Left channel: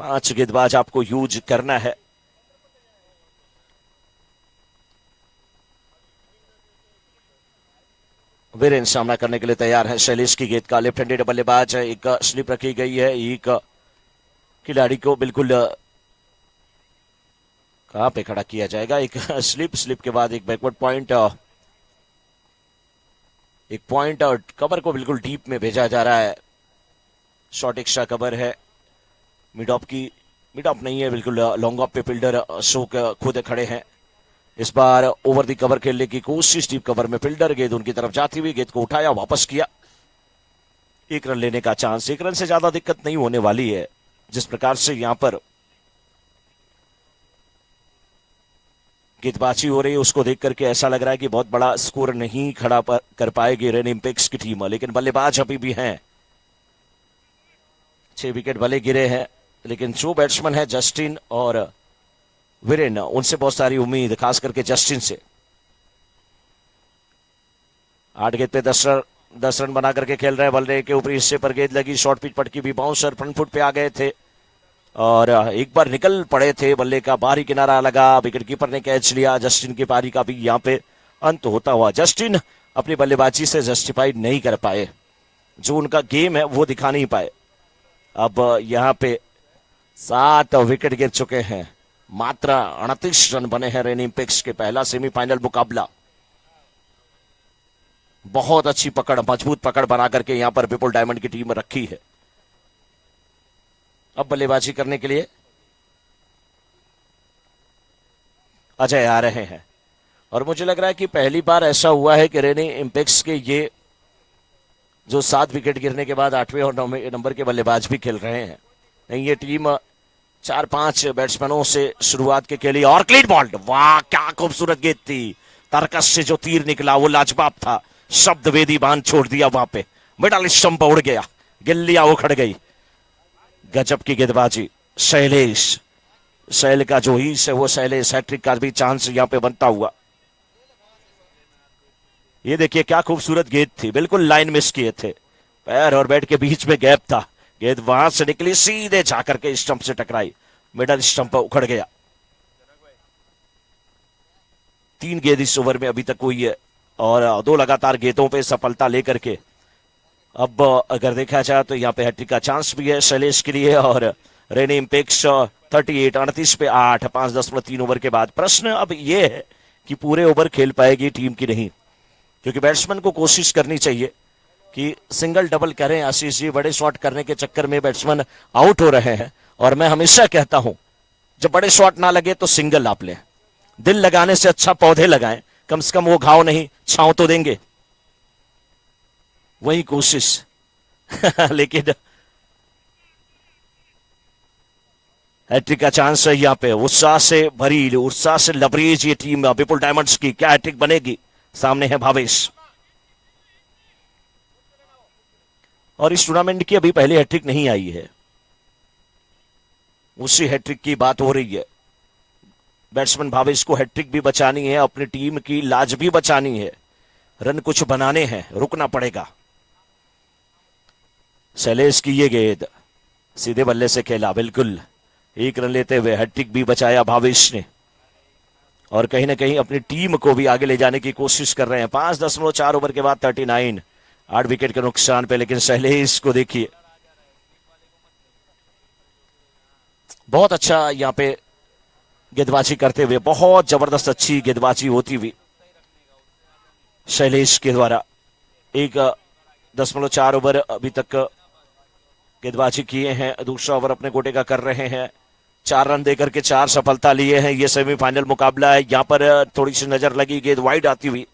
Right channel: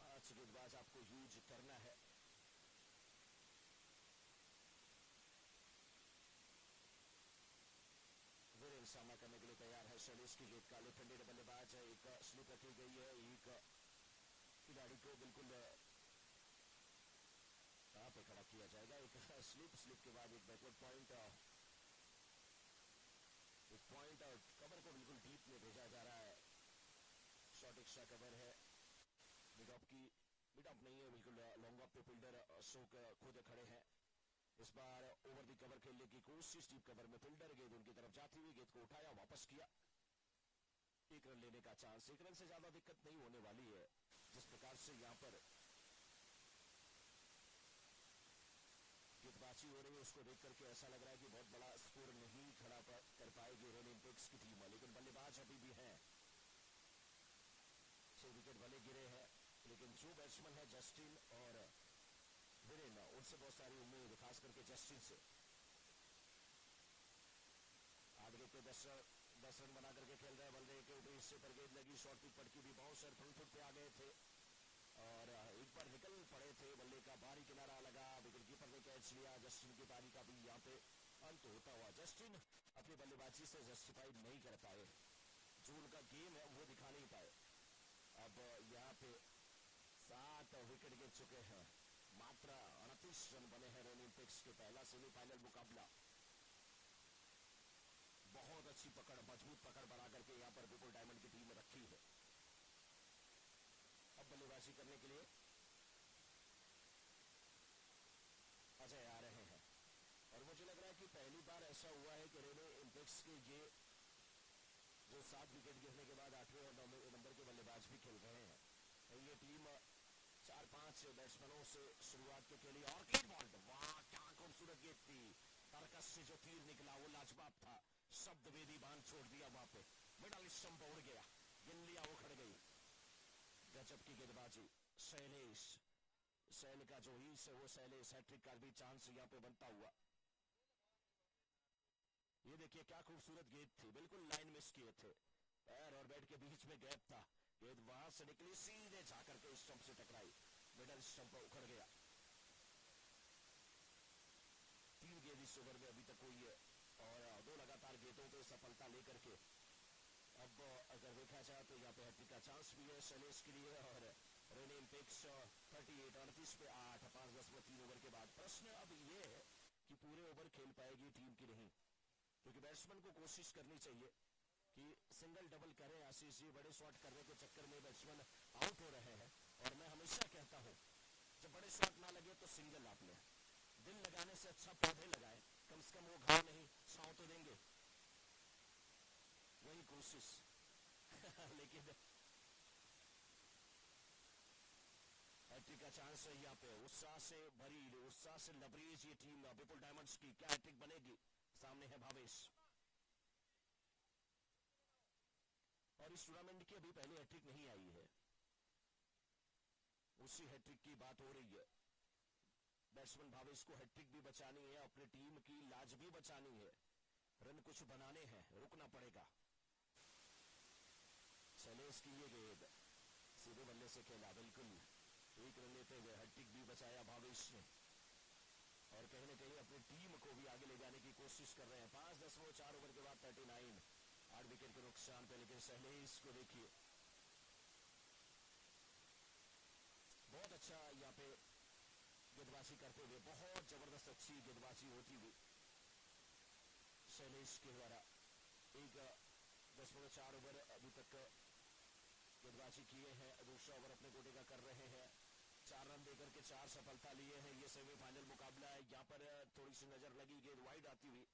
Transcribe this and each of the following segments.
5 गेंदबाज आपको यूज करना है। वीरेन सामना करने के लिए तैयार है। शैलेश की गेंद का लेफ्ट हैंडेड बल्लेबाज है। एक स्लिप रखी गई है। एक खिलाड़ी को बिल्कुल कहां पे खड़ा किया जाएगा। एक स्लिप के बाद एक बैकवर्ड पॉइंट, एक पॉइंट और कवर को बिल्कुल डीप में भेजा जा रहा है। शॉर्ट एक्स्ट्रा कवर है। मिड ऑफ नहीं है, बिल्कुल लॉन्ग ऑफ पे फील्डर अशोक खुद खड़े हैं। इस बार ओवर दी कवर खेलने की कोशिश, डीप कवर में फील्डर, गेंद उनकी तरफ जाती हुई, गेंद को उठाया, वापस किया। 1 रन लेने का चांस। 1 रन से ज्यादा दिक्कत नहीं होने वाली है। जिस प्रकार से यहां पर गेंदबाजी हो रही है उसको देख करके ऐसा लग रहा है कि बहुत बड़ा स्कोर नहीं खड़ा कर पाएगी रेन इंपेक्स की टीम, लेकिन बल्लेबाज अभी भी हैं। 6 विकेट भले गिरे हैं, लेकिन जो बैट्समैन है जस्टिन और वीरेन, उनसे बहुत सारी उम्मीद, खास करके जस्टिन से। 8 गेंद पे 10 रन बना करके खेल रहे हैं। बल्ले के ऊपरी हिस्से पर गेंद लगी, शॉर्ट पिच पटकी भी, बाउंसर फ्रंट फुट पे आ गए थे और एक बार निकल पड़े थे। बल्ले का बाहरी किनारा लगा, विकेट कीपर ने कैच लिया। जस्टिन की पारी का भी यहाँ पे अंत होता हुआ। जस्टिन अपनी बल्लेबाजी से जस्टिफाइड नहीं कर पाए, जो उनका गेम है वो दिखा नहीं पाए। अब यहाँ पे 7 विकेट गिर चुके हैं। मात्र 38 रन बने हैं रेन इंपेक्स के। पहला सेमीफाइनल मुकाबला। बहुत अच्छी पकड़, मजबूत पकड़ बना करके यहां पर विपुल डायमंड की टीम रखी है। अब बल्लेबाजी करने के लिए अजय आ रहे हैं और मुझे लग रहा है कि पहली बार ऐसा हुआ है कि रेन इंपेक्स के ये जो 7 विकेट गिरने के बाद 8वें और 9वें नंबर के बल्लेबाज भी खेल रहे हैं। नहीं, ये टीम 4-5 बैट्समैनों से शुरुआत के खेली और क्लीन बॉल्ड। वाह, क्या खूबसूरत गेंद थी। तरकस से जो तीर निकला वो लाजवाब था। शब्द वेदी बांध छोड़ दिया वहां पे। मिडल स्टंप उड़ गया, गिल्लियां उखड़ गई। गजब की गेंदबाजी। शैल का जो हीस है वो शैलेश, हैट्रिक का भी चांस यहां पे बनता हुआ। ये देखिए क्या खूबसूरत गेंद थी, बिल्कुल लाइन मिस किए थे। पैर और बैट के बीच में गैप था। गेंद वहां से निकली, सीधे जाकर के स्टंप से टकराई, मिडल स्टंप उखड़ गया। 3 गेंद इस ओवर में अभी तक हुई है और 2 लगातार गेंदों पे सफलता लेकर के अब अगर देखा जाए तो यहाँ पे हैट्रिक का चांस भी है शैलेश के लिए। और रेन इंपेक्स 38 पे 8, 5.3 ओवर के बाद। प्रश्न अब ये है कि पूरे ओवर खेल पाएगी टीम की नहीं, क्योंकि बैट्समैन को कोशिश करनी चाहिए कि सिंगल डबल करें। आशीष जी, बड़े शॉट करने के चक्कर में बैट्समैन आउट हो रहे हैं और मैं हमेशा कहता हूं जब बड़े शॉट ना लगे तो सिंगल आप लें। दिल लगाने से अच्छा पौधे लगाएं, कम से कम वो घाव नहीं, छांव तो देंगे। वही कोशिश लेकिन हैट्रिक का चांस है यहाँ पे। उत्साह से भरी, उत्साह से लबरेज ये टीम विपुल डायमंड्स की। क्या हैट्रिक बनेगी? सामने है भावेश। और इस टूर्नामेंट की अभी पहली हैट्रिक नहीं आई है, उसी हैट्रिक की बात हो रही है। बैट्समैन भावेश को हैट्रिक भी बचानी है, अपनी टीम की लाज भी बचानी है, रन कुछ बनाने हैं, रुकना पड़ेगा। शैलेश की ये गेंद सीधे बल्ले से खेला, बिल्कुल 1 रन लेते हुए हैट्रिक भी बचाया भावेश ने और कहीं ना कहीं अपनी टीम को भी आगे ले जाने की कोशिश कर रहे हैं। 5.4 ओवर के बाद 39, 8 विकेट के नुकसान पे। लेकिन शैलेश को देखिए, बहुत अच्छा यहाँ पे गेंदबाजी करते हुए, बहुत जबरदस्त अच्छी गेंदबाजी होती हुई शैलेश के द्वारा। 1.4 ओवर अभी तक गेंदबाजी किए हैं, दूसरा ओवर अपने गोटे का कर रहे हैं। 4 रन देकर के 4 सफलता लिए हैं। ये सेमीफाइनल मुकाबला है। यहां पर थोड़ी सी नजर लगी गेंद वाइड आती हुई,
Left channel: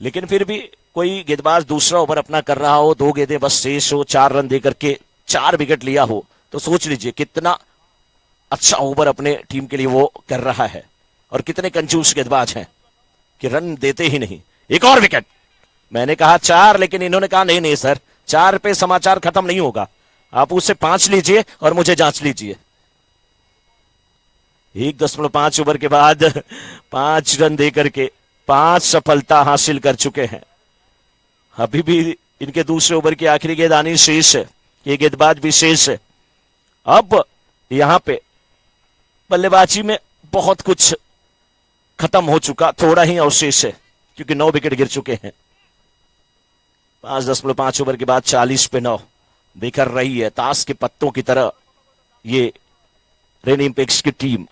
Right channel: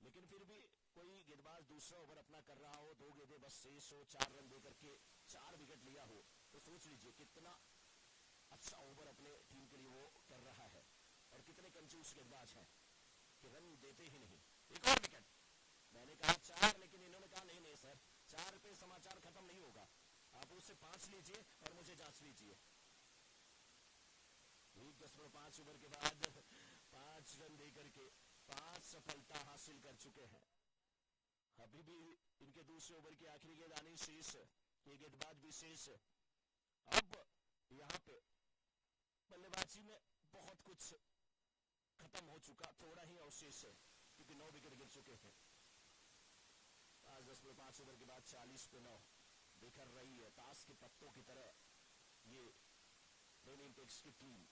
लेकिन फिर भी कोई गेंदबाज दूसरा ओवर अपना कर रहा हो, 2 गेंदें बस शेष हो, 4 रन देकर के 4 विकेट लिया हो, तो सोच लीजिए कितना अच्छा ओवर अपने टीम के लिए वो कर रहा है और कितने कंजूस गेंदबाज हैं कि रन देते ही नहीं। एक और विकेट, मैंने कहा 4, लेकिन इन्होंने कहा नहीं नहीं सर, 4 पे समाचार खत्म नहीं होगा, आप उससे 5 लीजिए और मुझे जांच लीजिए। 1.5 ओवर के बाद 5 रन देकर के 5 सफलता हासिल कर चुके हैं। अभी भी इनके दूसरे ओवर की आखिरी गेंद आनी शेष है, ये गेंदबाज भी शेष है। अब यहां पे बल्लेबाजी में बहुत कुछ खत्म हो चुका, थोड़ा ही अवशेष है क्योंकि 9 विकेट गिर चुके हैं। 5.5 ओवर के बाद 40 पे 9 बिखर रही है ताश के पत्तों की तरह ये रेनिम्पेक्स की टीम।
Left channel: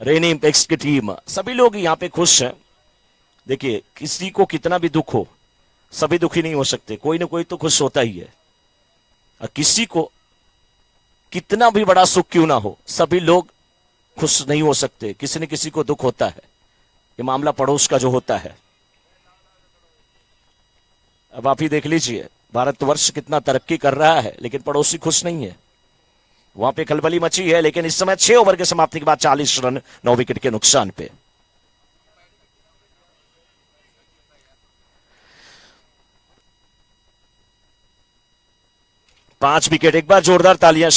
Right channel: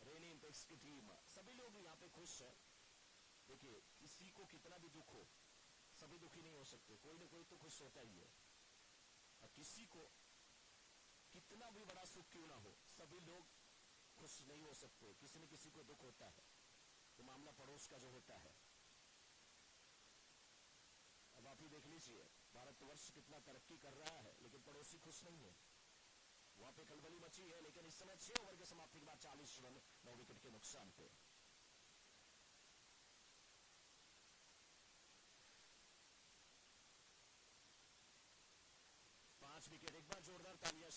रेनिम्पेक्स की टीम, सभी लोग यहां पे खुश हैं। देखिए, किसी को कितना भी दुख हो, सभी दुखी नहीं हो सकते, कोई ना कोई तो खुश होता ही है। और किसी को कितना भी बड़ा सुख क्यों ना हो, सभी लोग खुश नहीं हो सकते, किसी न किसी को दुख होता है। ये मामला पड़ोस का जो होता है। अब आप ही देख लीजिए, भारतवर्ष कितना तरक्की कर रहा है लेकिन पड़ोसी खुश नहीं है। वहां पे खलबली मची है, लेकिन इस समय 6 ओवर के समाप्ति के बाद 40 रन 9 विकेट के नुकसान पे। पांच विकेट। एक बार जोरदार तालियां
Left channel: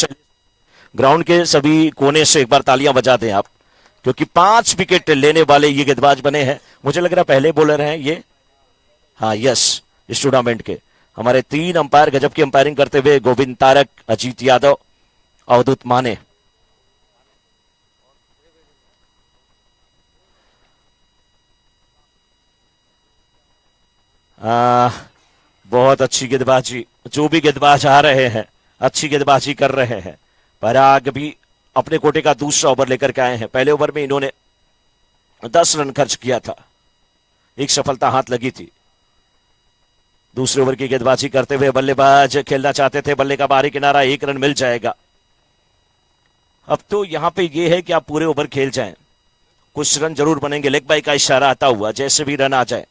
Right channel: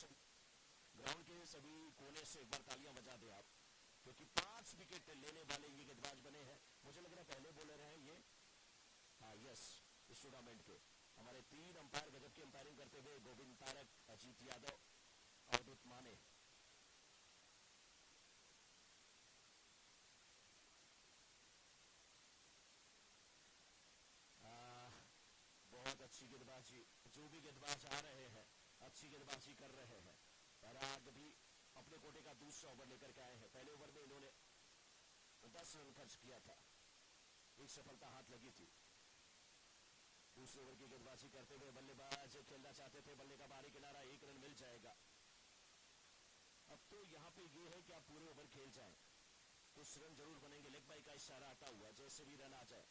ग्राउंड के सभी कोने से एक बार तालियां बजा दें आप, क्योंकि 5 विकेट लेने वाले ये गेंदबाज बने हैं। मुझे लग रहा है पहले बॉलर हैं ये, हाँ यस, इस टूर्नामेंट के हमारे 3 अंपायर गजब की अंपायरिंग करते हुए, गोविंद तारक, अजीत यादव, अवधूत माने। बहुत अच्छी गेंदबाजी, जो भी गेंदबाज आ रहे हैं अच्छी गेंदबाजी कर रहे हैं। पराग भी अपने कोटे का दूसरा ओवर लेकर के आए हैं। पहले ओवर में इन्होंने 10 रन खर्च किया था, एक सफलता हाथ लगी थी। दूसरे ओवर की गेंदबाजी करते हुए बल्लेबाज खेलना चाहते थे, बल्ले का बाहरी किनारा, 1 रन मिल जाएगा। अब तो यहां पे ये है कि आप पूरे ओवर खेल जाएं, कुछ रन जरूर बनेंगे। लेग बाई का इशारा आता हुआ, जैसे भी रन आ जाए।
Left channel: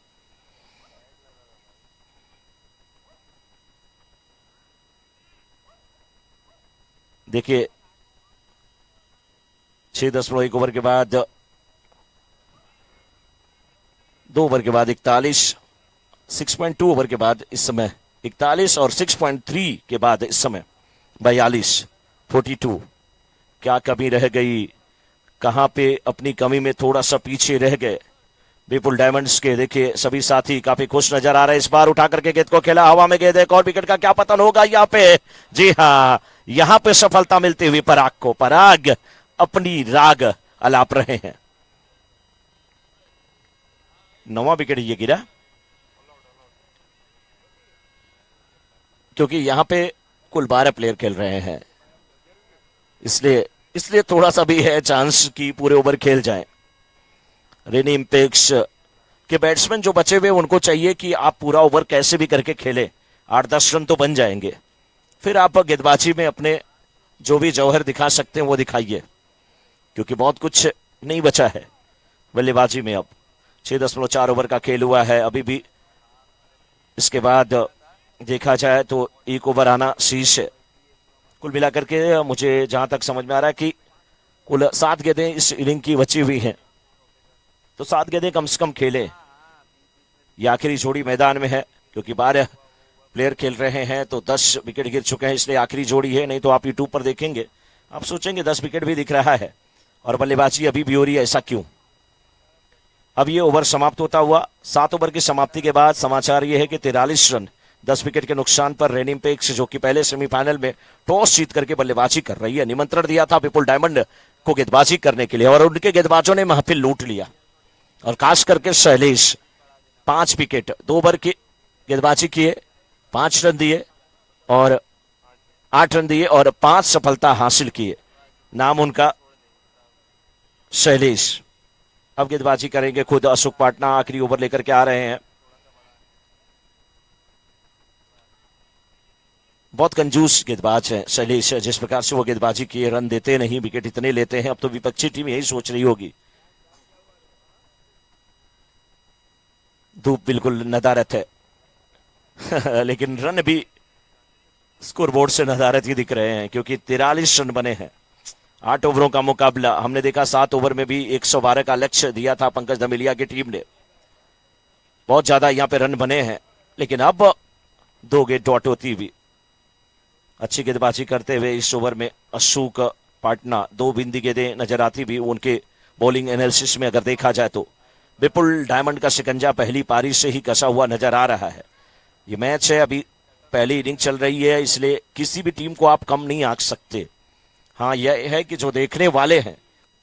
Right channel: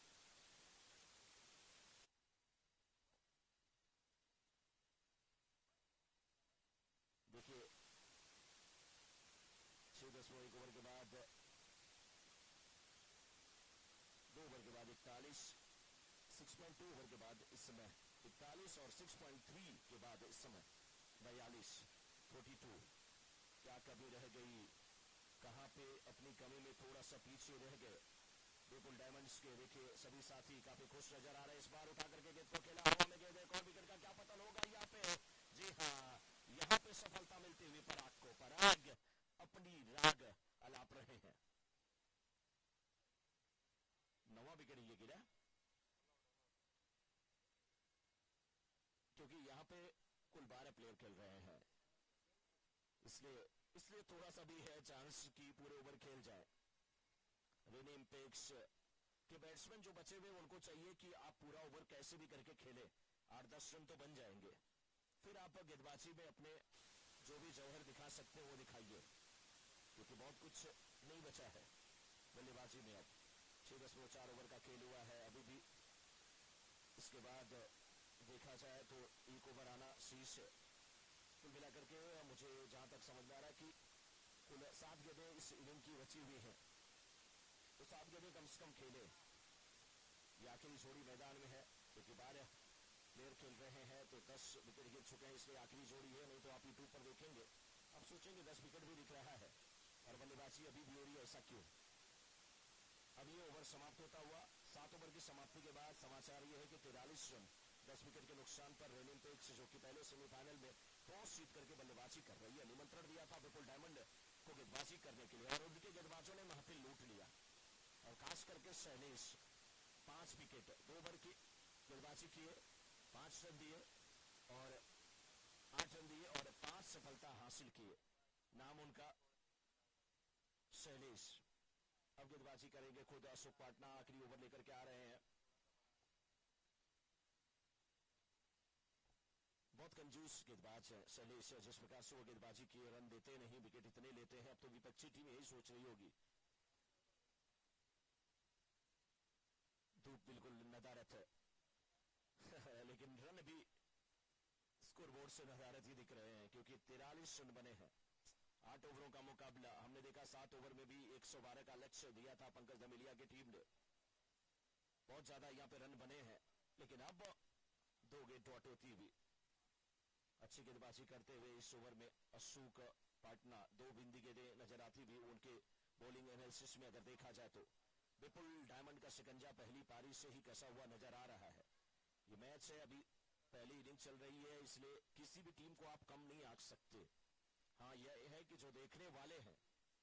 देखिए 6.1 ओवर के बाद, 2 ओवर के बाद 41, 6.2 ओवर के बाद इस समय 41 और 6.3 के बाद इस समय 42, 42। क्या कमी रह गई, कहां पे अपनी कमी में थोड़ा सा पीछे रह गए विपुल डायमंड्स के। देखिए सभी साथी काफी खुश नजर आ रहे हैं। इस बार उठा करके गेंद को खेला, हवा में गेंद, एक और विकेट का क्या पतन होगा यहाँ पे। जी हाँ, यहां पे सफलता मिलती हुई पराग को। पराग अपनी राग अलाप रहे हैं। 9वां विकेट ये गिरा, क्योंकि यहां पे कुल 12 प्लेयर खेल रहे हैं, इसलिए थोड़ा सा भी है चांस कि पूरे ओवर खेल जाए। रेनिम्पेक्स के बैट्समैन जो बचे हुए उनको चाहिए कि आप पूरा ओवर कैसे भी करके खेलें, 8-10 रन तो बन जाएंगे, फिर आप गेंदबाजी में अपने जो भी जौहर दिखा सकते हैं वो दिखाइए, क्योंकि बहुत कुछ नहीं बचा है बल्लेबाजी में। अब 6.4 ओवर का खेल हुआ है अभी भी। इसके बाद देखा जाए तो 1 ओवर आना शीर्ष है। कुल मिलाकर के मुझे जहां तक समझ में आ रहा है कि कुल 7 गेंदें इस इनिंग की बची हुई हैं, तो 7 गेंदें कम से कम खेले। ये आखिरी जोड़ी मैदान में है, क्योंकि 12 प्लेयर खेल रहे हैं तो 10 विकेट गिर चुके हैं, इसलिए आखिरी जोड़ी है। नहीं तो आप यूट्यूब पर देखेंगे, आप सोचेंगे 10 विकेट भी दिख रहा है और बल्लेबाजी अभी भी हो रही है, ऐसा क्यों। अब ये ओवर समाप्त होता हुआ 7 ओवर की समाप्ति के बाद समाचार ये है कि 43 रन 10 विकेट के नुकसान पर रेनिम्पेक्स, जो कि पहले सेमीफाइनल में टॉस जीत करके बल्लेबाजी कर रही है, निमंत्रण दिया था विपुल डायमंड को गेंदबाजी करने के लिए, और उनके गेंदबाजों ने महफिल लूट लिया। और खास करके शैलेश 5 विकेट 2 ओवर की गेंदबाजी किए, 5 रन दिए और 8 रन दिए और 5 सफलता हासिल किए। नाम उनका शैलेश। अब गेंदबाजी करेंगे खुद अशोक पाटना, आखिरी ओवर लेकर के आ रहे हैं। बहुत कंजूस गेंदबाज है शैलेश, जिस प्रकार से वो गेंदबाजी किए, रन देते नहीं, विकेट इतने लेते हैं। अब तो विपक्षी टीम यही सोच रही होगी। धूप बिल्कुल नदारत है लेकिन रन भी स्कोरबोर्ड से नदारत ही दिख रहे हैं, क्योंकि 43 रन बने हैं। 8 ओवरों का मुकाबला, हमने देखा 7 ओवर में भी 112 का लक्ष्य दिया था पंकज धमिलिया की टीम ने। बहुत ज्यादा यहाँ पे रन बने हैं, लेकिन अब 2 गेंद डॉट होती हुई अच्छी गेंदबाजी करते हुए इस ओवर में अशोक पाटना 2 बिंदी गेंदें नजर आती भी उनके बॉलिंग एनालिसिस में। अगर देखा जाए तो विपुल डायमंड का शिकंजा पहली पारी से ही कसा हुआ नजर आ रहा है। ये मैच है अभी पहली इनिंग चल रही है, इसलिए किसी भी टीम को आप कम नहीं आंक सकते। हाँ, यह है कि जो देखने वाले हैं,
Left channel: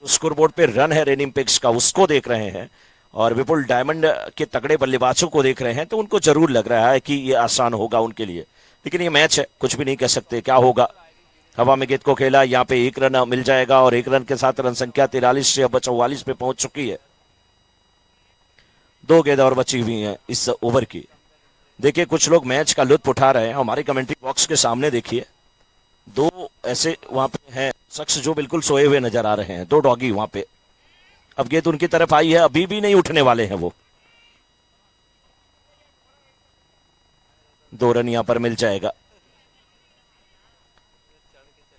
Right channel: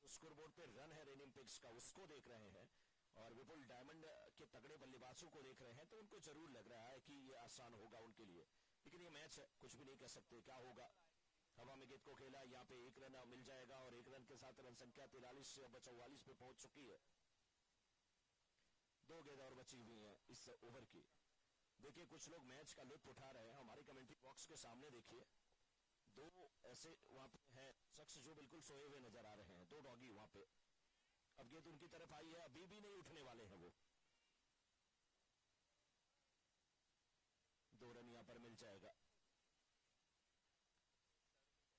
स्कोरबोर्ड पे रन है रेनिम्पिक्स का, उसको देख रहे हैं और विपुल डायमंड के तगड़े बल्लेबाजों को देख रहे हैं, तो उनको जरूर लग रहा है कि ये आसान होगा उनके लिए। लेकिन ये मैच है, कुछ भी नहीं कह सकते क्या होगा। हवा में गेंद को खेला, यहाँ पे 1 रन मिल जाएगा और 1 रन के साथ रन संख्या 43 से अब 44 पे पहुंच चुकी है। 2 गेंद और बची हुई हैं इस ओवर की। देखिए, कुछ लोग मैच का लुत्फ उठा रहे हैं। हमारे कमेंट्री बॉक्स के सामने देखिए, 2 ऐसे वहां पे हैं शख्स जो बिल्कुल सोए हुए नजर आ रहे हैं, 2 डॉगी वहां पे। अब गेंद उनकी तरफ आई है, अभी भी नहीं उठने वाले हैं वो। 2 रन यहां पर मिल जाएगा।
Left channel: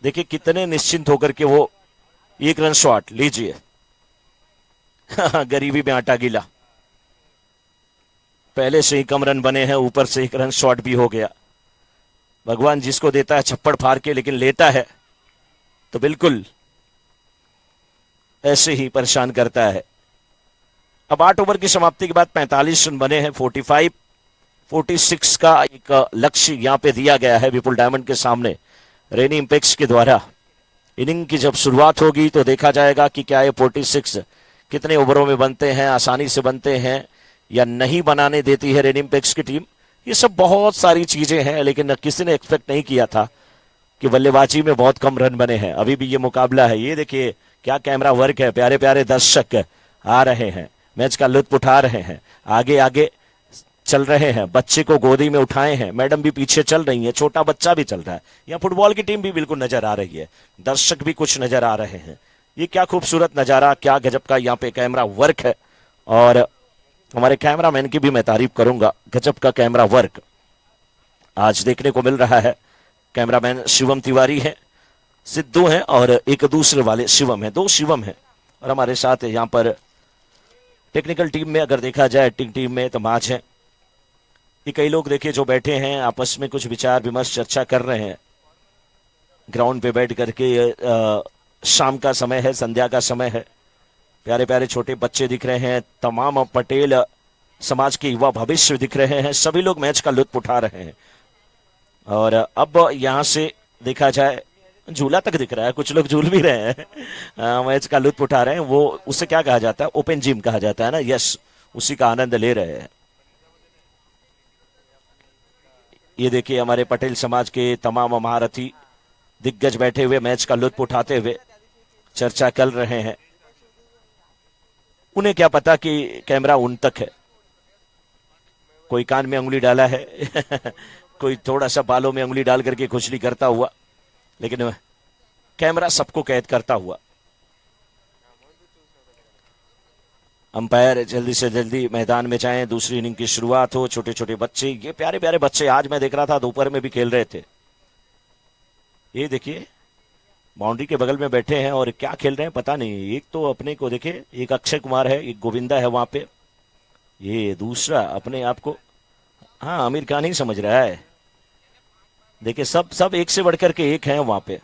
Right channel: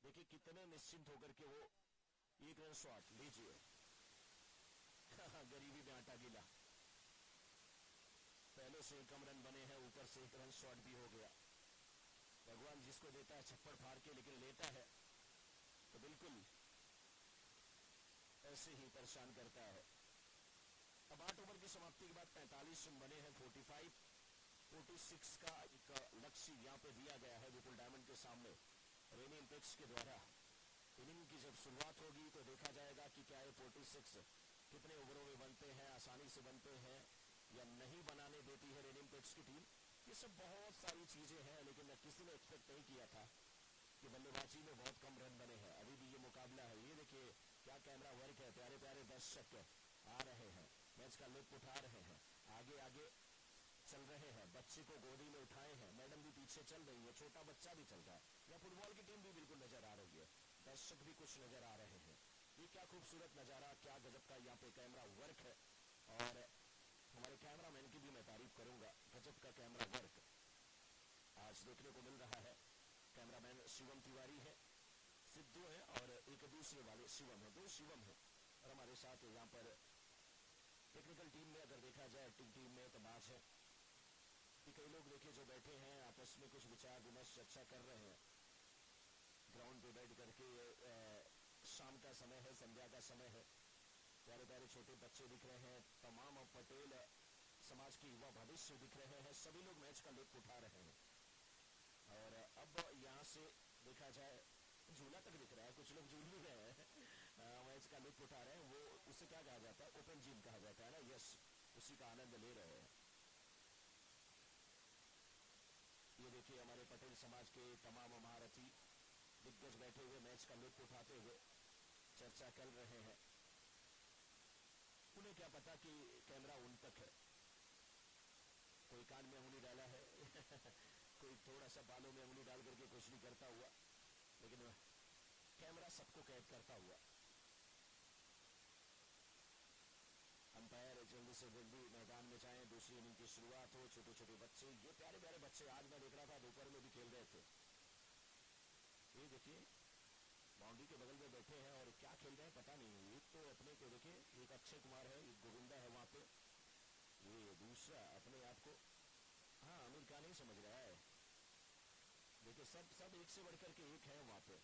देखिए कितने निश्चिंत होकर के वो 1 रन शॉट लीजिए। गरीबी में आटा गीला, पहले से ही कम रन बने हैं, ऊपर से 1 रन शॉट भी हो गया। भगवान जिसको देता है छप्पड़ फाड़ के, लेकिन लेता है तो बिल्कुल ऐसे ही परेशान करता है। अब 8 ओवर की समाप्ति के बाद 45 रन बने हैं। 46 का एक लक्ष्य यहां पे दिया गया है विपुल डायमंड के सामने रेनिम्पिक्स के द्वारा। इनिंग की जब शुरुआत होगी तो देखा जाएगा कि क्या ये 46 कितने ओवरों में बनते हैं, आसानी से बनते हैं या नहीं बनाने देती है रेनिम्पिक्स की टीम। ये सब बहुत सारी चीजें हैं, लेकिन किसी ने एक्सपेक्ट नहीं किया था कि बल्लेबाजी में बहुत कम रन बने हैं। अभी भी ये मुकाबला है। ये देखिए क्या कैमरा वर्क है, प्यारे प्यारे दर्शक आ रहे हैं, मैच का लुत्फ उठा रहे हैं, आगे आगे चल रहे हैं, बच्चे को गोदी में उठाए हैं, मैडम भी पीछे चल रही है, छोटा बच्चा भी चल रहा है, यहाँ फुटबॉल की टीम भी बिल्कुल नजर आ रही है, दर्शक भी कुछ नजर आ रहे हैं। ये क्या खूबसूरत नजारा, क्या गजब का यहाँ पे कैमरा वर्क है। और हमारे कैमरामैन की भी मैं तारीफ करूंगा, गजब का कैमरा वर्क आज देखने को मिल रहा है। कैमरामैन शिवम तिवारी है, सिद्धू हैं और एक दूसरे वाले शिवम है, 2 शिवम है। और हमारे साथ यहाँ पर टेक्निकल टीम में अगर देखा जाए, टीम में तो माच है। ये कई लोग देखिए जो बैठे हैं आपस में कुछ विचार विमर्श चर्चा कर रहे हैं ग्राउंड पे बैठ करके। शाम का समय है, संध्या का समय है, प्यारे प्यारे छोटे बच्चे दिख रहे हैं, तमाम पटेल समाज के युवा भविष्य दिख रहे हैं, सभी लोग मैच का लुत्फ उठा रहे हैं। और अब यहां से देखा जाए झूला तक दिख रहा है, कुछ लोग झूल भी रहे हैं, मैच का लुत्फ उठा रहे हैं। वो उसे क्या कहा जाता है, ओपन जिम कहा जाता है ना, यस, उसी का आनंद ले रहे हैं। ये देखिए हमारे पटेल समाज के तमाम महारथी दिग्गज बैठे हुए मैच का लुत्फ उठाते हुए चर्चा कर रहे हैं। उन्हें क्या पता कि कैमरा उन तक है। कोई कान में उंगली डाला है कोई थोड़ा सा बालों में उंगली डाल करके खुजली करता हुआ, लेकिन कैमरा सबको कैद करता हुआ। अंपायर जल्दी से जल्दी मैदान में जाएं, दूसरी इनिंग की शुरुआत हो। छोटे छोटे बच्चे, ये प्यारे प्यारे बच्चे, आज मैं देख रहा था दोपहर में भी खेल रहे थे। ये देखिए बाउंड्री के बगल में बैठे हैं और क्या खेल रहे हैं पता नहीं। एक तो अपने को देखे, एक अक्षय कुमार है, एक गोविंदा है वहां पे, ये दूसरा अपने आप को हाँ आमिर खान ही समझ रहा है। देखिए सब सब एक से बढ़कर के एक हैं वहां पे।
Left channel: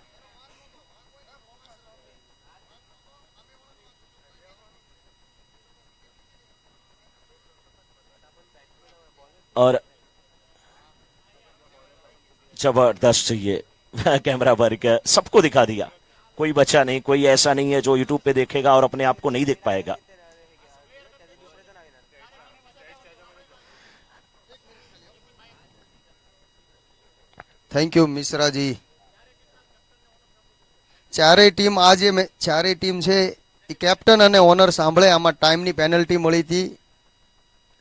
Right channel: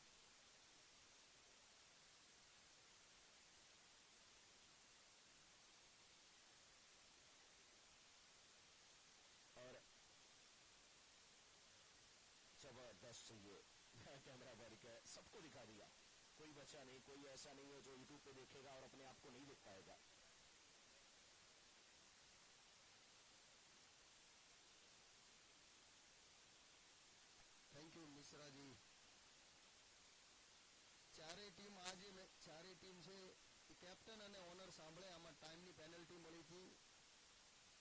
और जबरदस्त ये कैमरा वर्क सबको दिखा दिया, कोई बचा नहीं, कोई ऐसा नहीं है जो यूट्यूब पे देखेगा और अपने आप को नहीं देख पाएगा। Thank you Mishra ji. चारे टीम आज चारे टीम છે એ કેપ્ટન અને ઓનર સાંભળે આમાં ટાઈમની પેનલ્ટી મળી હતી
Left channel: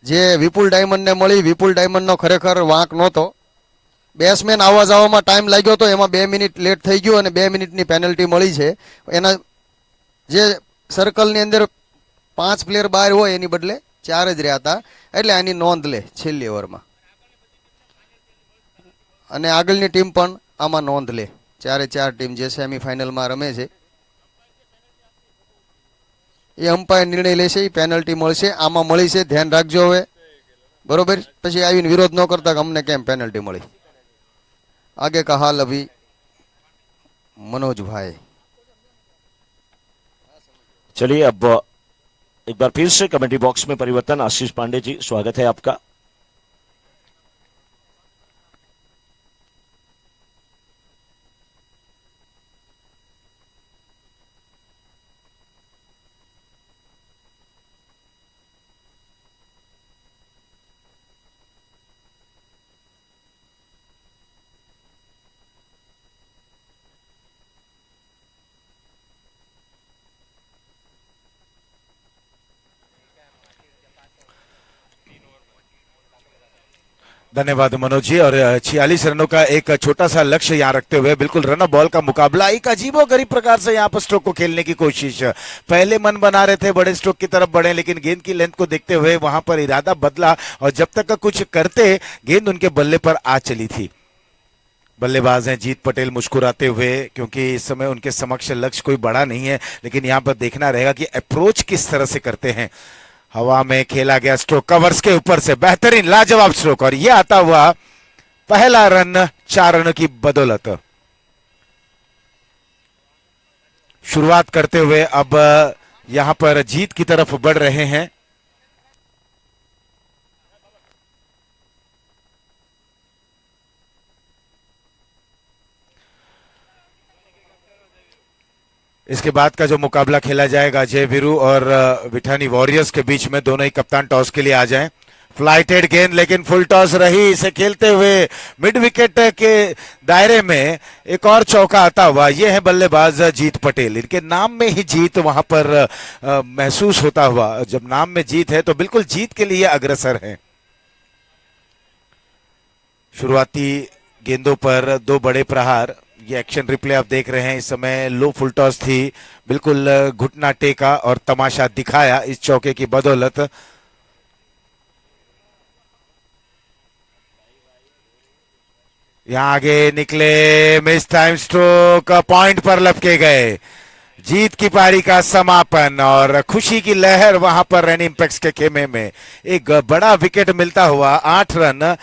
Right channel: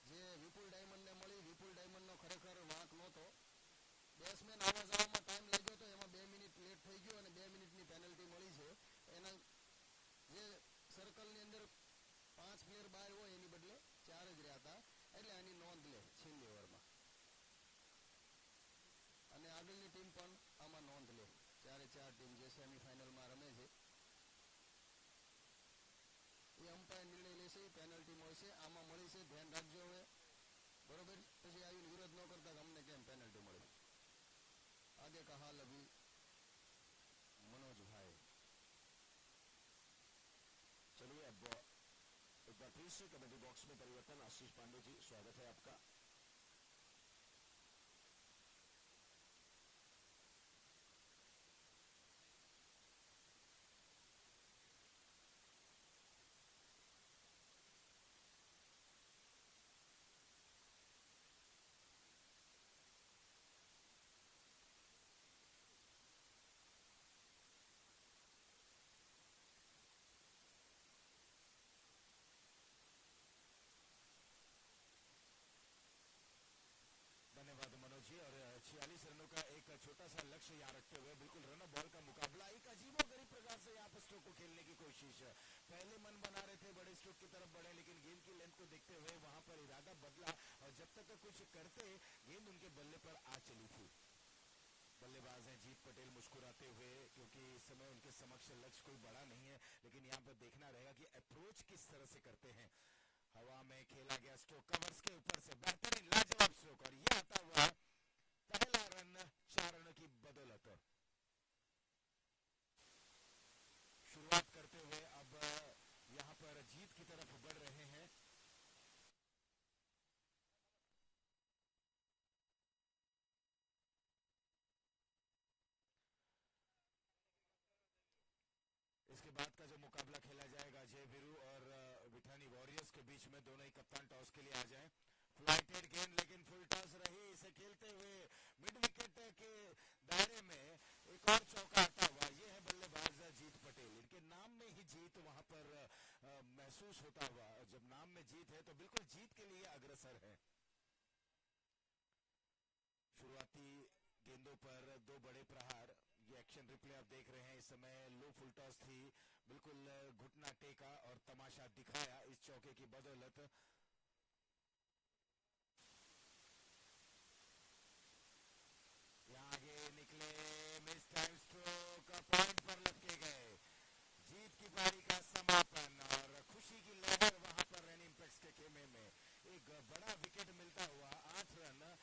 જે વિપુલ ડાયમંડને મળી। વિપુલ ડાયમંડનો ખરેખર વાંક નહોતો, બેટ્સમેન આવવા જવામાં ટાઈમ લાગ્યો તો એમાં 2 મિનિટ લેટ થઈ ગયો અને 2 મિનિટની પેનલ્ટી મળી છે। એના જે સર્કલની અંદર 5 પ્લેયર બહાર હોય એની બદલે 4 જ રહ્યા હતા, એટલે આની નોંધ લે છેલ્લી ઓવરમાં અને આગળની ટીમ પણ આમાં નોંધ લે। 4 ટીમ જે સેમીફાઇનલમાં રમે છે એ અમ્પાયર નિર્ણય લેશે, એ પેનલ્ટી મળશે, આમાં મળી છે, ધ્યાન રાખજો હવે બરોબર। પછી આવીને વિરોધ ન કરતા કે અમને કેમ પેનલ્ટી મળી। आगे का हाल अभी मनोज भाई। चलिए अब एक बार फिर से कमेंट्री बॉक्स में परिवर्तन। आशीष पांडे जी स्वागत है आपका। धन्यवाद मनोज जी। और 46 रनों का एक छोटा सा लक्ष्य यहाँ रखते हुए बिल्कुल रन बॉल का मुकाबला, एक अजीबोगरीब प्रकार से यहाँ पर स्ट्रोक को खेलने की कोशिश। पहले मन बना रहे थे बड़े स्ट्रोक की तरफ बढ़े, लेकिन गेंद की लेंथ को देखते हुए वहां पर इरादा बदला और जब तक कुछ करते गेंद उनके बल्ले पर आ चली थी। बल्लेबाज हैं जीत पटेल मुस्कुराते हुए, क्योंकि इस समय उनके समक्ष लक्ष्य कोई बड़ा नहीं है, लेकिन यहाँ पर देखना रहेगा कि अप्रोच किस तरह से करते हैं। हवा में खेला गया स्ट्रोक कवर्स के ऊपर से, बेहतरीन लाजवाब स्ट्रोक, और यह आता हुआ पहला रन 4 रनों की बदौलत। शुरुआत करते हुए अब यहां पर जीत की तरफ बढ़ रहे हैं। इसके बाद का जो मुकाबला खेला जाएगा जय वीरू और विठानी वॉरियर्स के बीच में, दोनों ही कप्तान टॉस के लिए आ जाएं। फ्लाइटेड गेंद लेकिन फुल टॉस रही, इसे खेलते हुए मिड विकेट के दायरे में एक और चौका आता हुआ। ये है बल्लेबाज जीत पटेल, इनके नाम में ही जीत वहां पर महसूस होता हुआ। जब नाम में जीत है तो बिल्कुल जीत के लिए अग्रसर है। शुरुआती गेंदों पर 2 बड़े प्रहार, ये एक्शन रिप्ले आप देख रहे हैं। इस समय लो फुल टॉस थी, बिल्कुल घुटना टेका और तमाशा दिखाया इस चौके की बदौलत। यहां आगे निकले, मिस टाइम स्ट्रोक, पॉइंट पर लपके गए। जीत की पारी का समापन और खुशी की लहर वहां पर रेन इंपैक्ट्स के खेमे में। एक बड़ा विकेट मिलता हुआ, 8 रन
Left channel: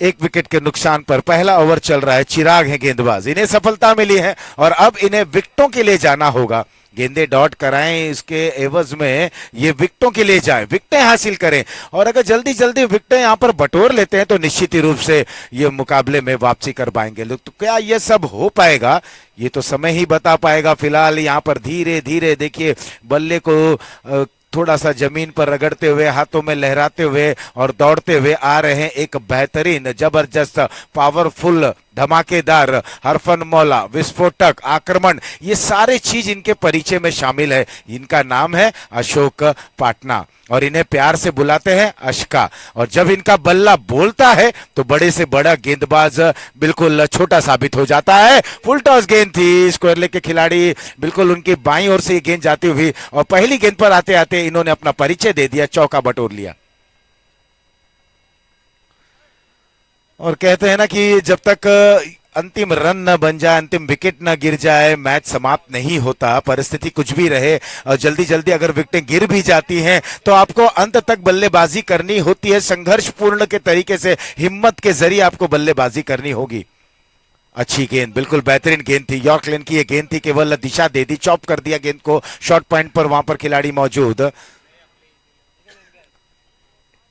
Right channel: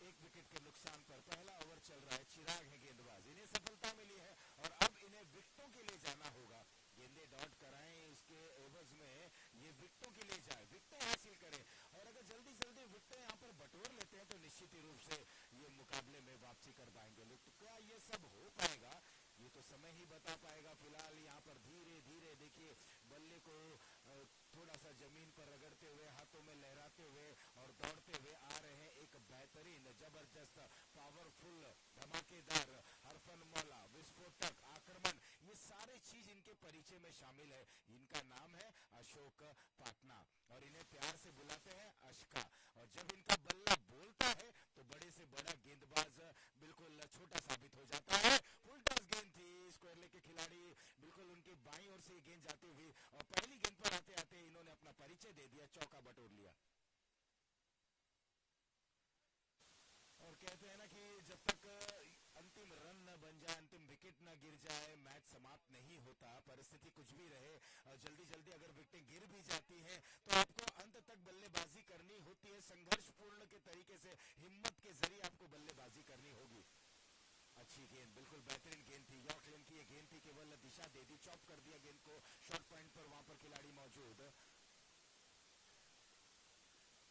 1 विकेट के नुकसान पर। पहला ओवर चल रहा है, चिराग है गेंदबाज, इन्हें सफलता मिली है और अब इन्हें विकेटों के लिए जाना होगा। गेंदे डॉट कराएं, इसके एवज में ये विकेटों के लिए जाएं, विकेटें हासिल करें, और अगर जल्दी जल्दी विकेटें यहां पर बटोर लेते हैं तो निश्चित ही रूप से ये मुकाबले में वापसी कर पाएंगे। तो क्या ये सब हो पाएगा, ये तो समय ही बता पाएगा। फिलहाल यहाँ पर धीरे धीरे देखिए बल्ले को थोड़ा सा जमीन पर रगड़ते हुए, हाथों में लहराते हुए और दौड़ते हुए आ रहे हैं एक बेहतरीन, जबरदस्त, पावरफुल, धमाकेदार, हरफन मौला, विस्फोटक आक्रमण, ये सारे चीज इनके परिचय में शामिल है। इनका नाम है अशोक पाटना और इन्हें प्यार से बुलाते हैं अशका। और जब इनका बल्ला बोलता है तो बड़े से बड़ा गेंदबाज बिल्कुल छोटा साबित हो जाता है। फुल टॉस गेंद थी, स्क्वायर लेग के खिलाड़ी बिल्कुल उनकी बाईं ओर से ये गेंद जाती हुई और पहली गेंद पर आते आते इन्होंने अपना परिचय दे दिया, चौका बटोर लिया। और कहते हैं ना कि जब तक अंतिम रन न बन जाए, अंतिम विकेट न गिर जाए, मैच समाप्त नहीं होता। परिस्थिति कुछ भी रहे और जल्दी जल्दी अगर विकेटें गिर भी जाती हैं तो आपको अंत तक बल्लेबाजी करनी होती है, संघर्षपूर्ण के तरीके से, हिम्मत के जरिए आपको बल्लेबाजी करनी होगी। अच्छी गेंद, बिल्कुल बेहतरीन गेंद थी, यॉर्क लेन की ये गेंद थी, केवल दिशा दे दी, चॉप कर दिया गेंद को, शॉर्ट पॉइंट पर वहां पर खिलाड़ी मौजूद।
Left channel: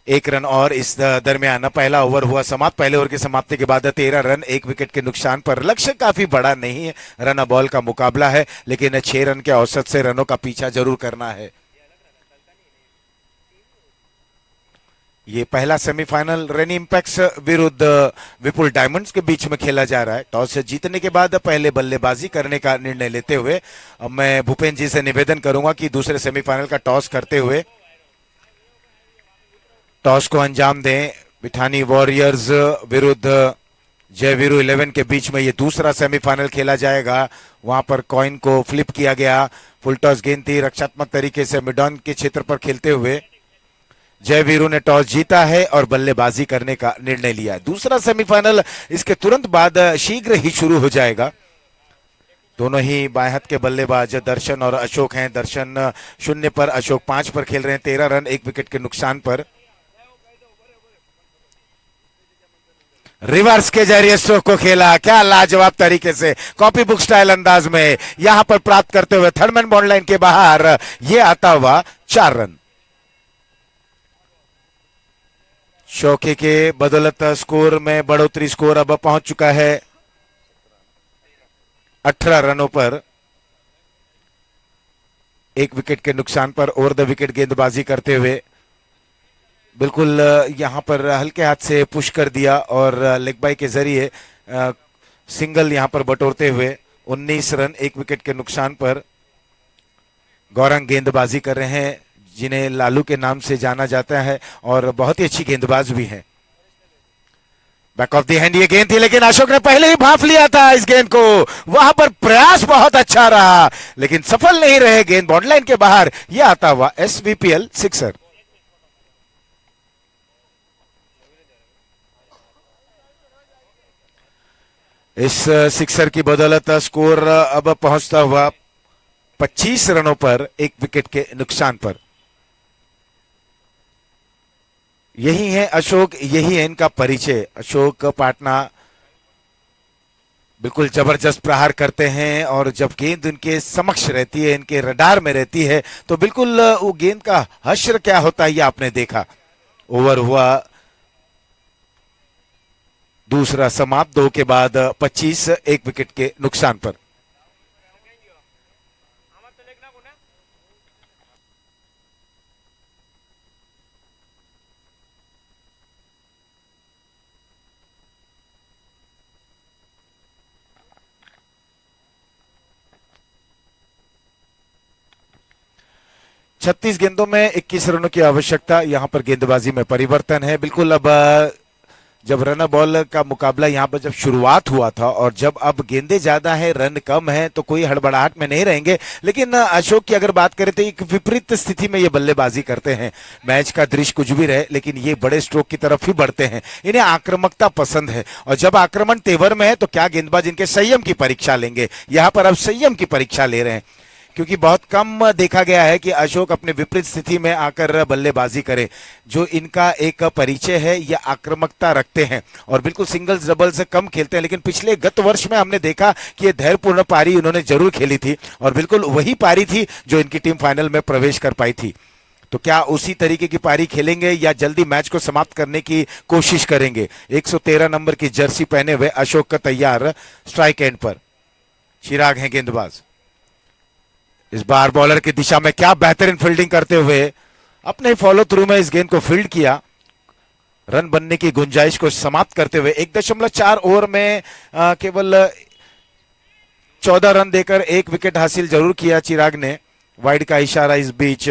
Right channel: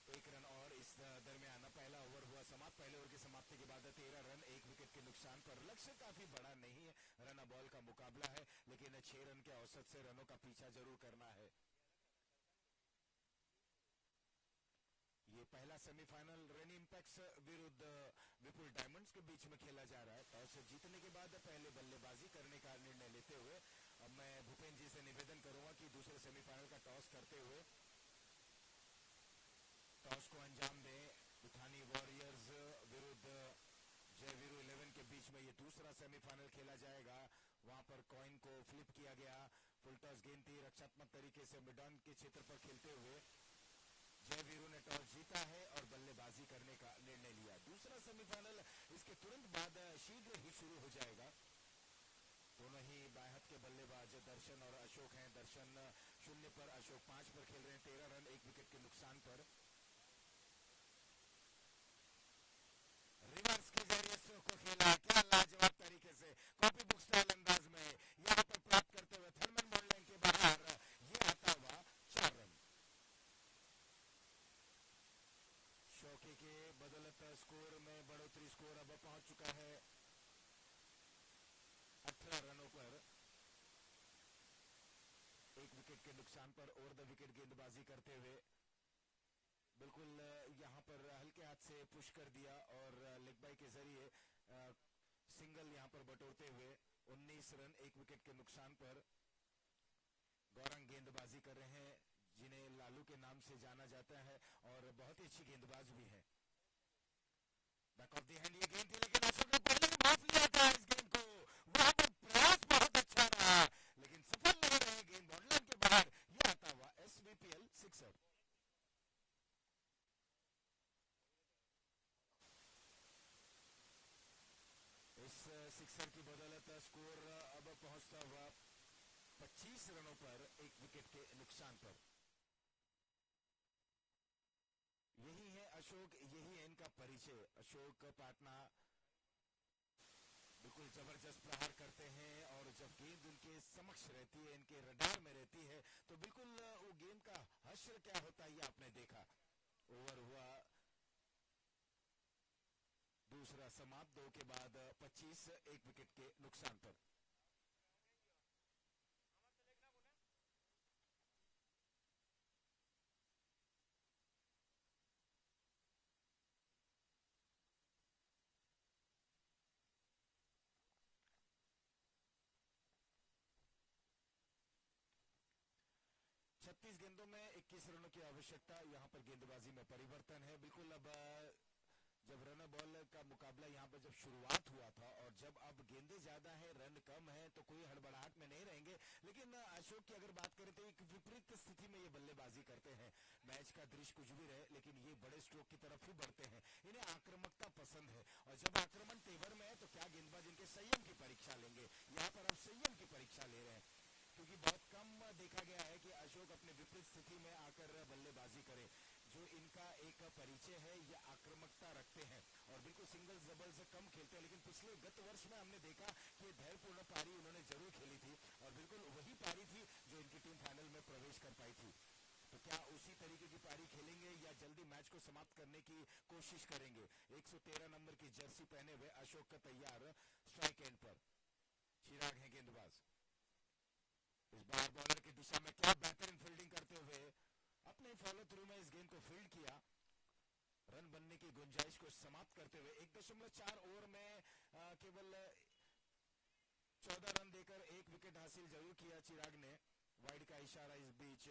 1 रन और इस दरमियान पहला ओवर हुआ समाप्त। पहले ओवर की समाप्ति के बाद 13 रन 1 विकेट के नुकसान पर। लक्ष्य काफी बड़ा नहीं है, रन बॉल का मुकाबला है, लेकिन 6 रन के औसत से रनों का पीछा जरूर करना है। ये पहला सेमीफाइनल रेन इंपैक्ट्स विरुद्ध विपुल डायमंड्स के बीच में खेला जा रहा है। टॉस जीतने के बाद पहले बल्लेबाजी करने का निर्णय लेते हुए अब मैं भूपेंद्र जी से निवेदन करूंगा कि दूसरे सेमीफाइनल का टॉस करते हुए टॉस को अंजाम दें। बिठानी वॉरियर्स विरुद्ध जय वीरू 11 के बीच में ये दूसरा सेमीफाइनल खेला जाएगा। वहां पर कॉइन को फ्लिप किया गया, फुल टॉस गेंद थी, रक्षात्मक तरीके से मिड ऑन के क्षेत्र पर खेलते हुए जय वीरू ने टॉस जीता है और बल्लेबाजी करने का निर्णय लिया। दूसरा सेमीफाइनल इसके तुरंत बाद शीघ्र ही शुरू हो जाएगा। दोनों ही बाएं हाथ के बल्लेबाज दर्शन और अशोक हैं। दर्शन 0 पर, अशोक 5 पर खेल रहे हैं। 13 रन 1 विकेट के नुकसान पर। रिवर्स के जरिए स्ट्रोक को खेला, क्या लाजवाब तरीके से कॉपी बुक स्टाइल अंदाज में यहां पर प्राप्त करते हुए थर्डमैन बॉन्ड लाइन के बाहर ये आता हुआ 4 रन। शौके के बदौलत स्कोर में बढ़ोतरी, स्कोर अब पहुंच चुका है 18 रनों पर। 1 विकेट के नुकसान पर ओवर द विकेट गेंदबाजी करते हुए बिल्कुल यहां पर हल्के हाथ से पुश कर दिया और लेग बाई के जरिए सिंगल यहां पर बटोरते हुए 19 रन 1 विकेट के नुकसान पर गौरंग गेंदबाजी कर रहे हैं, जिन्हें लालू के नाम से जाना जाता है और बहुत ही अच्छी गेंदबाज भी हैं। बैक ऑफ द हैंड ये गेंद थी, लेकिन अशोक ने पहले ही भांप लिया था इस गेंद को। वहां पर प्रयास बहुत अच्छा रहा, लेकिन सफल नहीं रहे। गेंद बॉर्डर के बाहर, यह आता हुआ SVPL सिक्सर। इस सिक्सर की बदौलत स्कोर अब पहुंचता हुआ 25 रनों पर, 1 विकेट के नुकसान पर। यही है अशोक, यही है इनका परिचय। अशोक पाटना बिल्कुल जबरदस्त प्रहार करते हैं, और जब गेंद उनके समक्ष रहती है, इनके रडार में रहती है, तो बिल्कुल वो गेंद का हश्र क्या होता है ये आपने देखा। ओवर हुआ दूसरा समाप्त, 2 के बाद 25, 1 विकेट के नुकसान पर। छत्तीस गेंदों में 21 रनों की आवश्यकता। यहां पर गेंदबाजी में परिवर्तन है। बिल्कुल अब जब रन बॉल का मुकाबला यहां पर जब शुरुआत हुआ था, और जब अब गेंदे ज्यादा है, रन कम है, तो कोई हड़बड़ाहट में नहीं रहेंगे। लेकिन अशोक की अगर बात करें तो एक विपरीत स्थिति में ये बल्लेबाजी करते हैं। मैच का दृश्य कुछ भी रहे, लेकिन ये बड़े स्ट्रोक की तरफ ही बढ़ते हैं। इन्हें आक्रामकता पसंद है, और जब आक्रमण तेवर में है तो क्या गेंदबाज इनके संयम की परीक्षा लेंगे। यहां पर अब संयम की परीक्षा ले रहे हैं, क्योंकि बहुत कम देखा गया है कि अशोक अपने विपरीत स्थिति में आकर बल्लेबाजी करें। जो इनका एक परिचय है, ये आक्रामकता रखते हैं, और बिल्कुल सिंगल्स डबल से कम खेलते हैं। लेकिन पिछले गत वर्ष में हमने देखा कि ये धैर्यपूर्ण पारी उन्होंने जरूर खेली थी, और बिल्कुल वही पारी थी जो इनकी टीम फाइनल में प्रवेश कर पाई थी। तो क्या उसी तरीके की पारी खेलेंगे, या जल्दी मैच को समाप्त करने की कोशिश करेंगे। 113 नंबर की जर्सी पहने हुए अशोक का तैयार स्ट्राइक एंड पर। चिराग हैं गेंदबाज। इस बार बॉलर की दिशा में क्या बेहतरीन फील्डिंग करते हुए अपने फॉलो थ्रू में इस गेंद को फील्ड किया। रन बनने की गुंजाइश को समाप्त करते हुए 1.4 ओवर में केवल 14 रन देकर 1 विकेट हासिल जरूर किया चिराग ने। वाइड का इशारा इस बीच।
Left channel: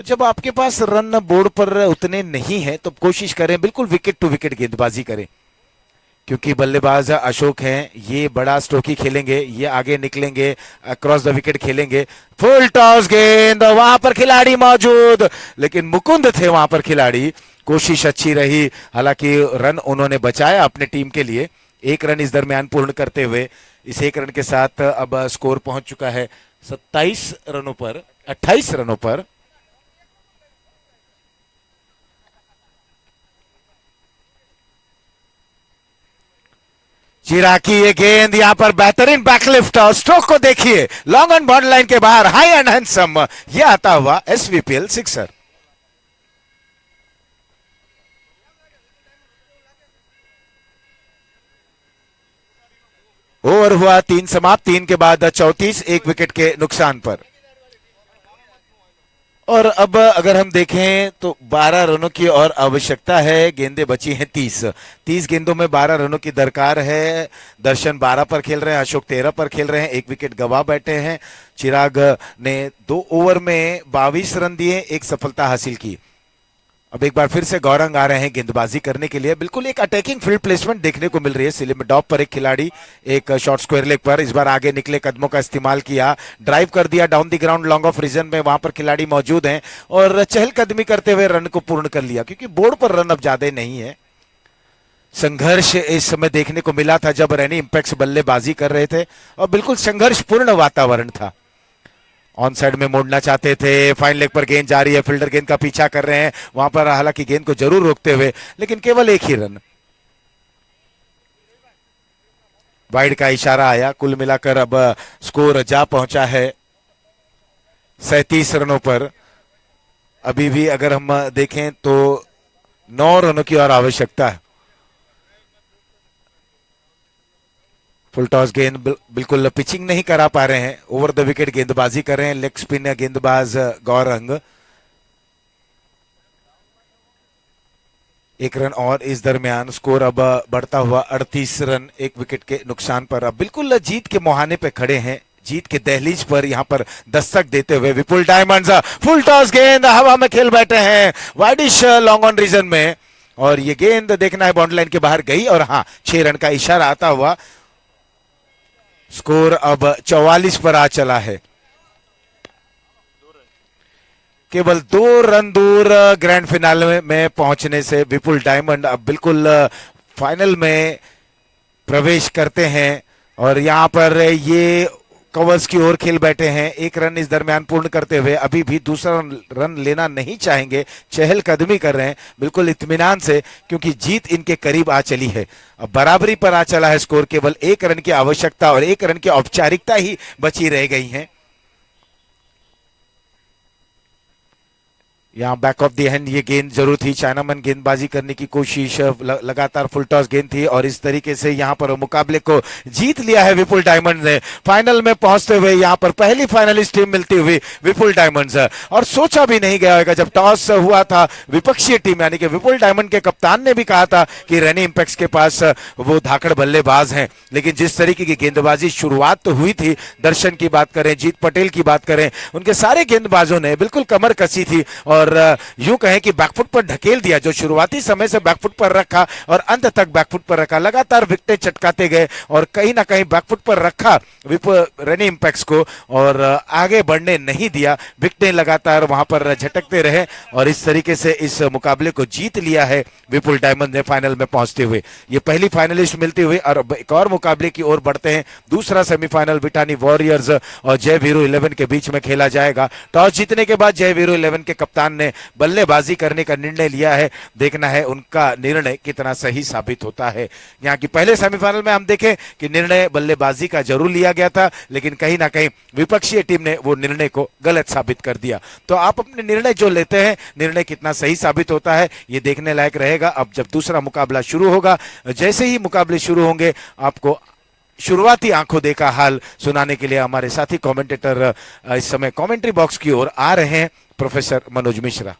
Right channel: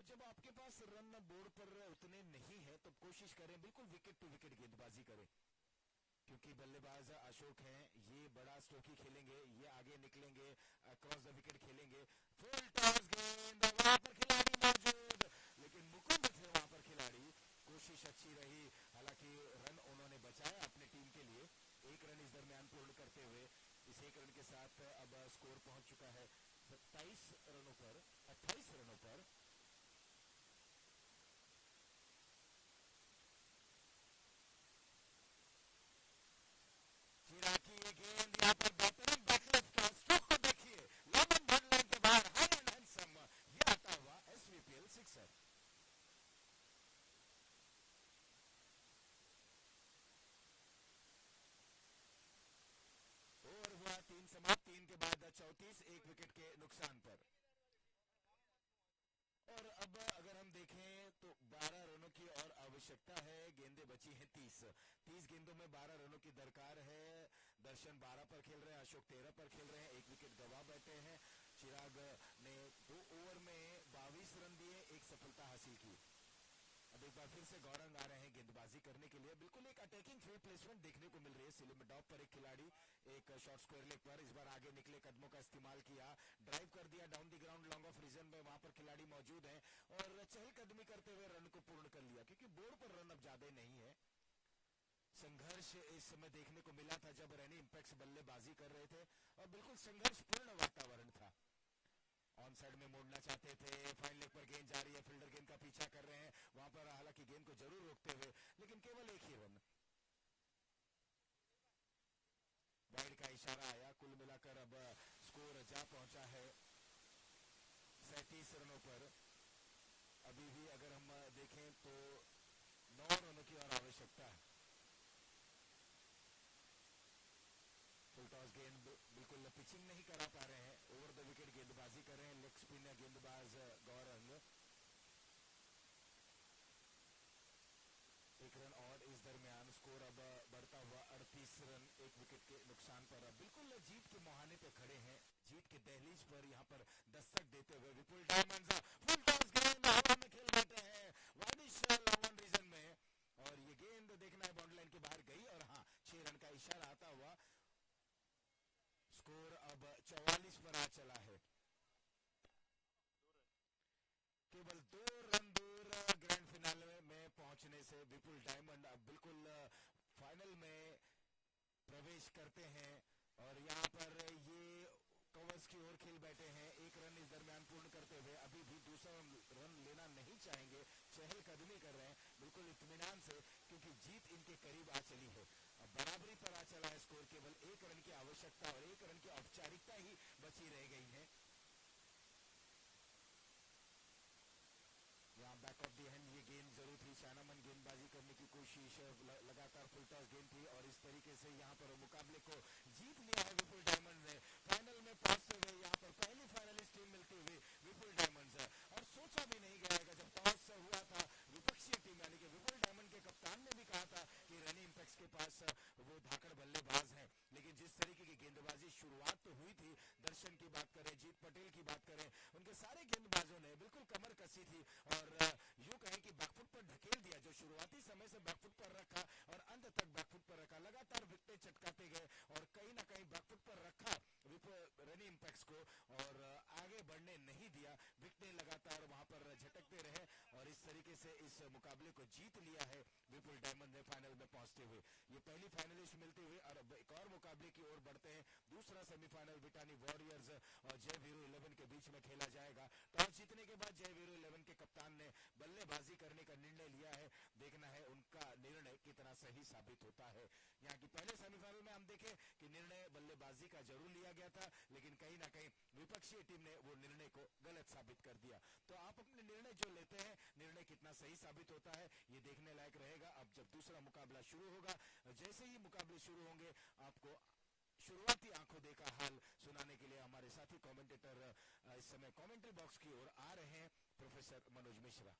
जब आपके पास रन बोर्ड पर उतने नहीं है तो कोशिश करें बिल्कुल विकेट टू विकेट गेंदबाजी करें, क्योंकि बल्लेबाज अशोक हैं, ये बड़ा स्ट्रोकी खेलेंगे, ये आगे निकलेंगे, क्रॉस द विकेट खेलेंगे। फुल टॉस गेंद, वहां पर खिलाड़ी मौजूद, लेकिन मुकुंद थे वहां पर खिलाड़ी। कोशिश अच्छी रही, हालांकि रन उन्होंने बचाया अपने टीम के लिए। 1 रन इस दरमियान पूर्ण करते हुए इस 1 रन के साथ अब स्कोर पहुंच चुका है 27 रनों पर, 28 रनों पर। चिराग की ये गेंद, यहां पर बेहतरीन बैकलिफ्ट, और स्ट्रोक को देखिए, लॉन्ग ऑन बॉर्डर लाइन के बाहर, हाई एंड हैंडसम, यह आता हुआ SVPL सिक्सर। ओवर हुआ 3 समाप्त, 3 के बाद 34, 1 विकेट के नुकसान पर। और अब अगर हम देखें तो 12 रनों की और आवश्यकता है। गेंदें बची हैं 30 गेंदों में 12 रनों की दरकार है। दर्शन 12 पर खेल रहे हैं, अशोक 13 पर खेल रहे हैं, 1 विकेट गवा बैठे हैं। चिराग ने 2 ओवर में 22 रन दिए, 1 सफलता हासिल की। अब एक बार फिर से गौरंग आ रहे हैं गेंदबाजी करने के लिए। बिल्कुल एक अटैकिंग फील्ड प्लेसमेंट देखने को मिल रही है। सिलिम डॉप पर एक खिलाड़ी, एक शॉर्ट स्क्वायर लेग पर, इस बार आगे निकले कदमों का इस्तेमाल किया, ड्राइव कर दिया down the ground long off region में। वहां पर खिलाड़ी मौजूद हैं और चहलकदमी करते हुए रन को पूर्ण कर लिया, क्योंकि बोर्ड पर रन अब ज्यादा नहीं है। संघर्ष इस समय देखने को मिला था जब रैनी इंपैक्ट्स बल्लेबाजी कर रहे थे, और बिल्कुल संघर्षपूर्ण वातावरण था। ऑन साइड में मोड़ना चाहते थे, फाइन लेग पर गेंद जा रही है, फील्डर गेंद का पीछा कर रहे हैं वहां पर, हालांकि गेंद को जरूर रोकते हुए, लेकिन केवल 1 ही रन। वाइड का इशारा आया। कुल मिलाकर अब स्कोर जा पहुंचा है 37 रनों पर। अभी भी अगर हम देखें तो 9 रनों की और आवश्यकता है। फुल टॉस गेंद बिल्कुल पिचिंग नहीं करा पा रहे हैं, ओवर द विकेट गेंदबाजी कर रहे हैं लेग स्पिन गेंदबाज गौरंग। 1 रन और इस दरमियान स्कोर अब बढ़ता हुआ 38 रन, 1 विकेट के नुकसान पर। अब बिल्कुल जीत के मुहाने पे खड़े हैं, जीत के दहलीज पर यहां पर दस्तक देते हुए विपुल डायमंड्स। फुल टॉस गेंद हवा में खेल बैठे हैं, वाइडिश लॉन्ग ऑन रीजन में, और ये गेंद देखना है बाउंड्री लाइन के बाहर गई और हाँ 6 रन का इशारा आता हुआ स्कोर अब 44 पर आ चला है। केवल 2 रन दूर ग्रैंड फिनाले में पहुंचने से विपुल डायमंड अब बिल्कुल फाइनल में प्रवेश करते हैं और यहां पर ये कवर्स की ओर खेल बैठे हैं। 1 रन इस दरमियान पूर्ण करते हुए अभी भी दूसरा रन लेना नहीं चाहेंगे, चहलकदमी कर रहे हैं बिल्कुल इत्मीनान से, क्योंकि जीत इनके करीब आ चली है। अब बराबरी पर आ चला है स्कोर, केवल 1 रन की आवश्यकता और 1 रन की औपचारिकता ही बची रह गई है। यहाँ बैक ऑफ द हैंड ये गेंद जरूर थी, चाइनामैन गेंदबाजी करने की कोशिश, लगातार फुल टॉस गेंद थी और इस तरीके से यहाँ पर मुकाबले को जीत लिया है विपुल डायमंड ने। फाइनल में पहुंचते हुए यहाँ पर पहली फाइनलिस्ट टीम मिलती हुई विपुल डायमंड्स, और सोचा भी नहीं गया होगा जब टॉस हुआ था विपक्षी टीम यानी कि विपुल डायमंड के कप्तान ने भी कहा था कि रेनी इंपैक्ट्स के पास वो धाकड़ बल्लेबाज हैं, लेकिन जिस तरीके की गेंदबाजी शुरुआत तो हुई थी, दर्शन की बात करें, जीत पटेल की बात करें, उनके सारे गेंदबाजों ने बिल्कुल कमर कसी थी और यूं कहें कि बैकफुट पर ढकेल दिया। जो शुरुआती समय से बैकफुट पर रखा और अंत तक बैकफुट पर रखा, लगातार विकेटें चटकाते गए और कहीं ना कहीं बैकफुट पर रखा रेनी इंपैक्ट्स को और आगे बढ़ने नहीं दिया। विकेटें लगातार वहां पर झटकते रहे और इस तरीके से इस मुकाबले को जीत लिया है विपुल डायमंड ने फाइनल में पहुंचते हुए। ये पहली फाइनलिस्ट मिलती हुई और एक और मुकाबले की ओर बढ़ते हैं। दूसरा सेमीफाइनल बिटानी वॉरियर्स और जय वीरू 11 के बीच में खेला जाएगा। टॉस जीतने के बाद जय वीरू 11 के कप्तान ने बल्लेबाजी करने का निर्णय लिया है। देखना है उनका निर्णय कितना सही साबित होता है। यहाँ की पहले सेमीफाइनल में हम देखें कि निर्णय बल्लेबाजी का जरूर लिया गया था, लेकिन कहीं ना कहीं विपक्षी टीम ने वो निर्णय को गलत साबित कर दिया। तो आप अपने निर्णय जो लेते हैं, निर्णय कितना सही साबित होता है, ये देखने लायक रहेगा। अब जब दूसरा मुकाबला शुरू होगा, जैसे ही मुकाबले शुरू होंगे, आपको शुरुआती आंखों देखा हाल सुनाने के लिए हमारे साथी कमेंटेटर इस समय कमेंट्री बॉक्स की ओर आ रहे हैं, प्रोफेसर मनोज मिश्रा।